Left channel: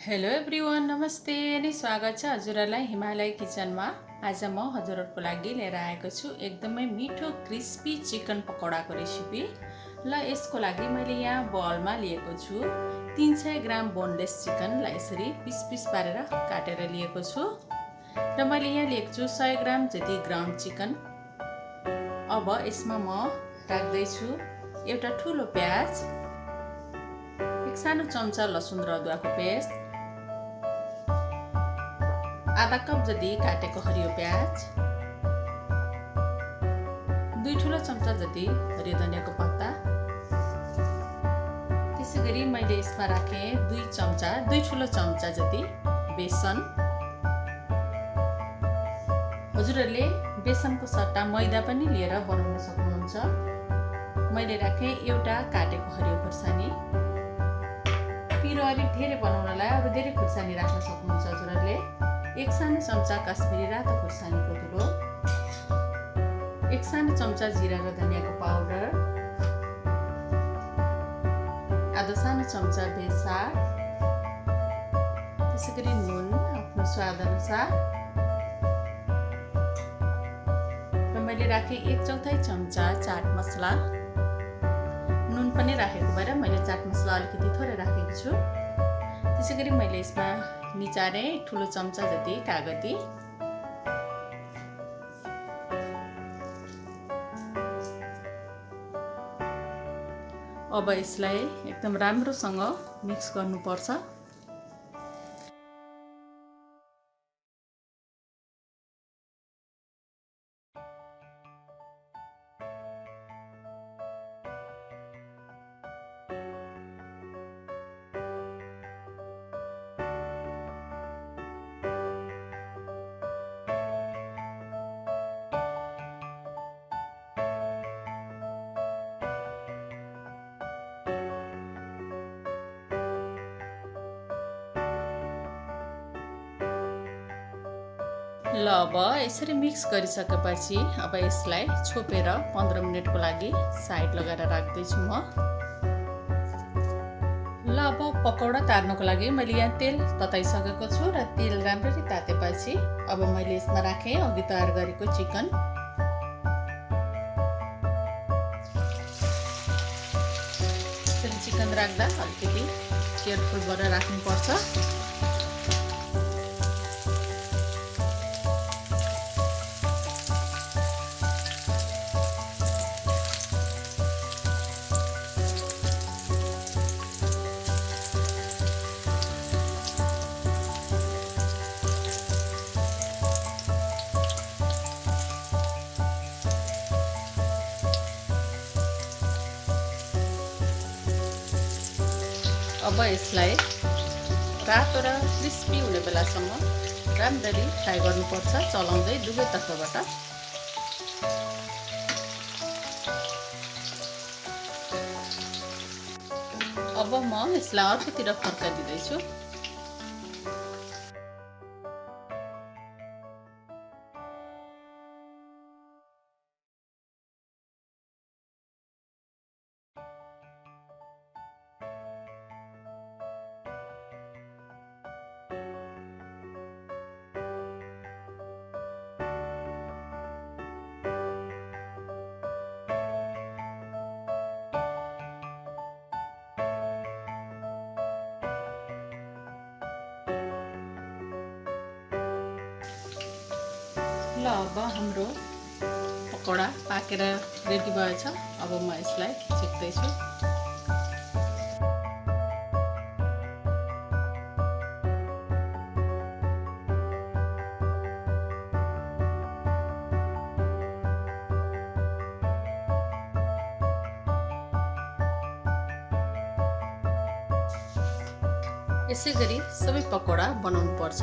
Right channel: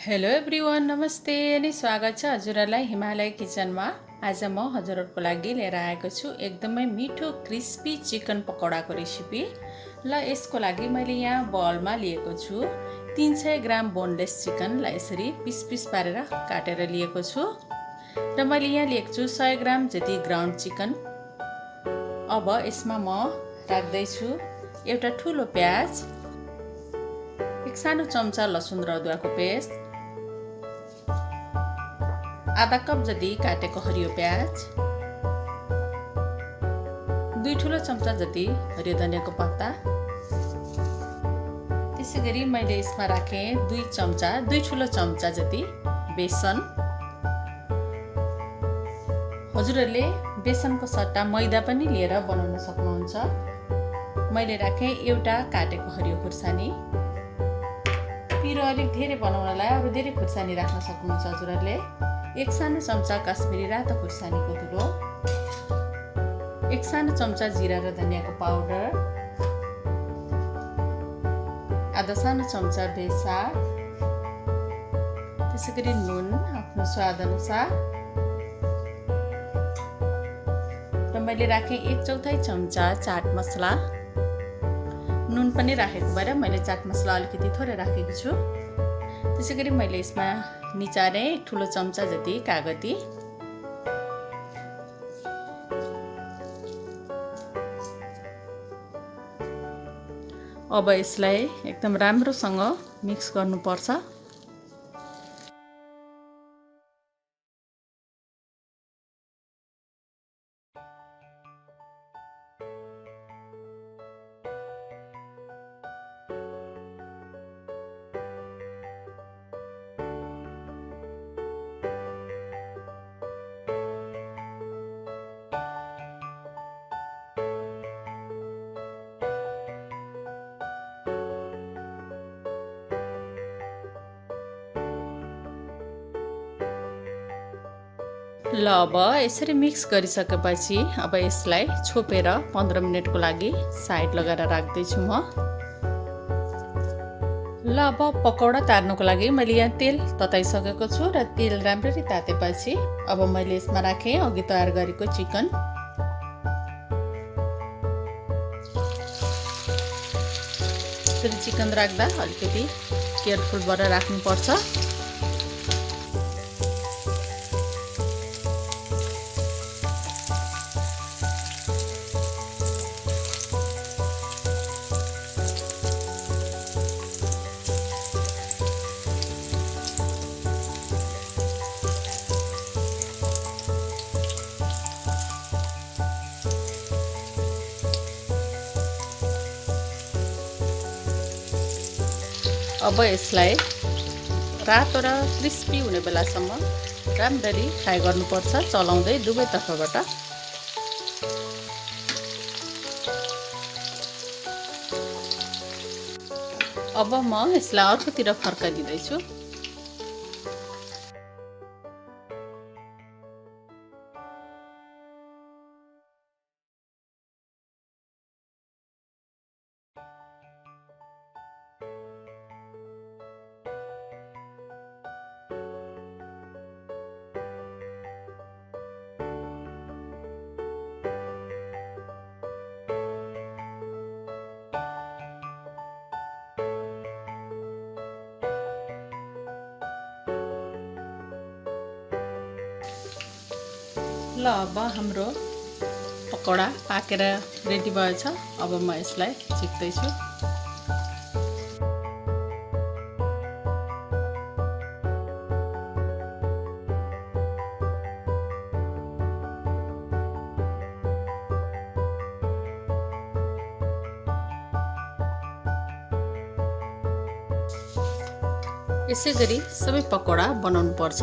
Hello everyone, नमस्ते अनि स्वागत छ हजुरहरूलाई हिमालय किचनमा। आज म हजुरहरूको लागि लिएर आएको छु एकदमै मिठो क्रिस्पी चिकन पकौडाको रेसिपी। ल यसको लागि मैले यहाँ बलमा लिएको छु 300 ग्राम बोनलेस चिकनलाई यसरी पिस पिस पारेर काटेर लिएको छु र मैले यहाँ लिएको छु 100 ग्राम जति ग्राउन्ड चिकन। अब यसमा म राख्दैछु एउटा ठुलो प्याज, एक सानो चम्चा लसुन र अदुवाको पेस्ट, आधा कप जति काटेको हरियो प्याज, 2 ठुलो चम्चा जति हरियो धनियाको पत्ता। त्यसैगरी मैले यसमा राखेँ 2 ठुलो चम्चा जति बेसन। हजुरहरूले बेसनको सट्टा मैदा पनि लिएर बनाउन सक्नुहुन्छ। मैले राखेँ एउटा काटेको हरियो खुर्सानी। पिरो अलिक धेरै बनाउनलाई अरू धेरै खुर्सानी राख्न सक्नुहुन्छ हजुरहरूले। एक सानो चम्चा काश्मिरी रातो खुर्सानीको धुलो, एक सानो चम्चा जिरा र धनियाको पाउडर, आधा सानो चम्चा बेसार, त्यसैगरी नुन आफ्नो स्वाद अनुसार र मैले राखेँ 1/4 चम्चा चाट मसला। नुन पनि राखेको भएर मैले चाट मसला अलिकति थोरै राखेको छु। त्यसैगरी मैले यसमा निचारे ठुलो चम्चा जति कागती, अब यसलाई एकदम राम्रोसँग मिक्स गर्नुपर्छ। ल अब यसरी मिक्स गरिसकेपछि अब यसलाई छोपेर 15 मिनटको लागि साइड लगाएर राख्दैछु म। ल अब पकौडा तार्नुको लागि मैले यहाँ तेल तताइसकेको छु र तेल राम्ररी तातेपछि अब मैले यसमा राखेँ अघि तयार गरेको चिकन। यसरी चिकन राख्दा अलिकति केयरफुल भएर राख्नुपर्छ। अब यसलाई रातो र क्रिस्पी हुने बेलासम्म राम्ररी फ्राई गर्नुपर्छ, चलाउँदै दुवै तर्फबाट। अब म यसलाई अर्कोतिर फर्काइदिँदैछु। ल अब हाम्रो पकौडा पाकेर रेडी भएछ। अब म यसलाई छेक्दैछु। यसै गरी सबै पकौडा बनाउनु पर्छ।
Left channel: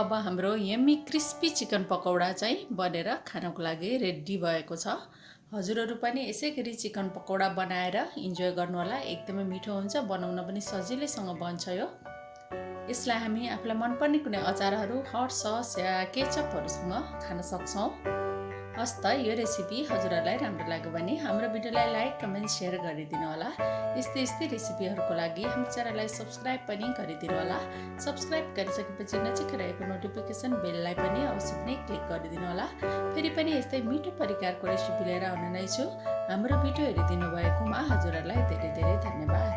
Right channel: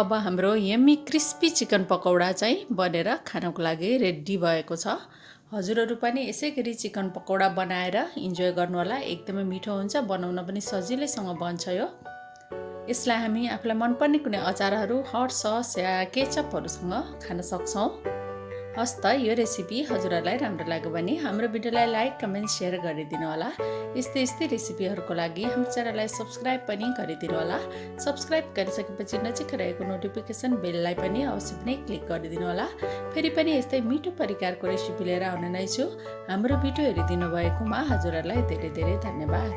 अब हाम्रो यम्मी क्रिस्पी चिकन पकौडा चाहिँ बनेर खानको लागि रेडी भएको छ। हजुरहरू पनि यसै गरी चिकन पकौडा बनाएर इन्जोय गर्नुहोला। एकदमै मिठो हुन्छ, बनाउन पनि सजिलैसँग बन्छ यो। यसलाई हामी आफूलाई मनपर्ने कुनै अचारहरू, हट सस या केचपहरूसँग खान सक्छौँ। हस् त, यो रेसिपी हजुरहरूलाई राम्रो लाग्यो भने हाम्रो भिडियोलाई लाइक, कमेन्ट, सेयर गरिदिनु होला। यस्तै रेसिपीहरूको लागि हाम्रो च्यानललाई सब्सक्राइब पनि गरिदिनु होला। सब्सक्राइब गरिसकेपछि नजिक रहेको नोटिफिकेसन बेललाई पनि अवश्य पनि क्लिक गरिदिनु होला। फेरि पनि यस्तै मिठो परिकारको रेसिपी लिएर आउने नै छु। हाम्रो भिडियो हेरिदिनु भएकोमा हजुरहरूलाई धेरै धेरै धन्यवाद।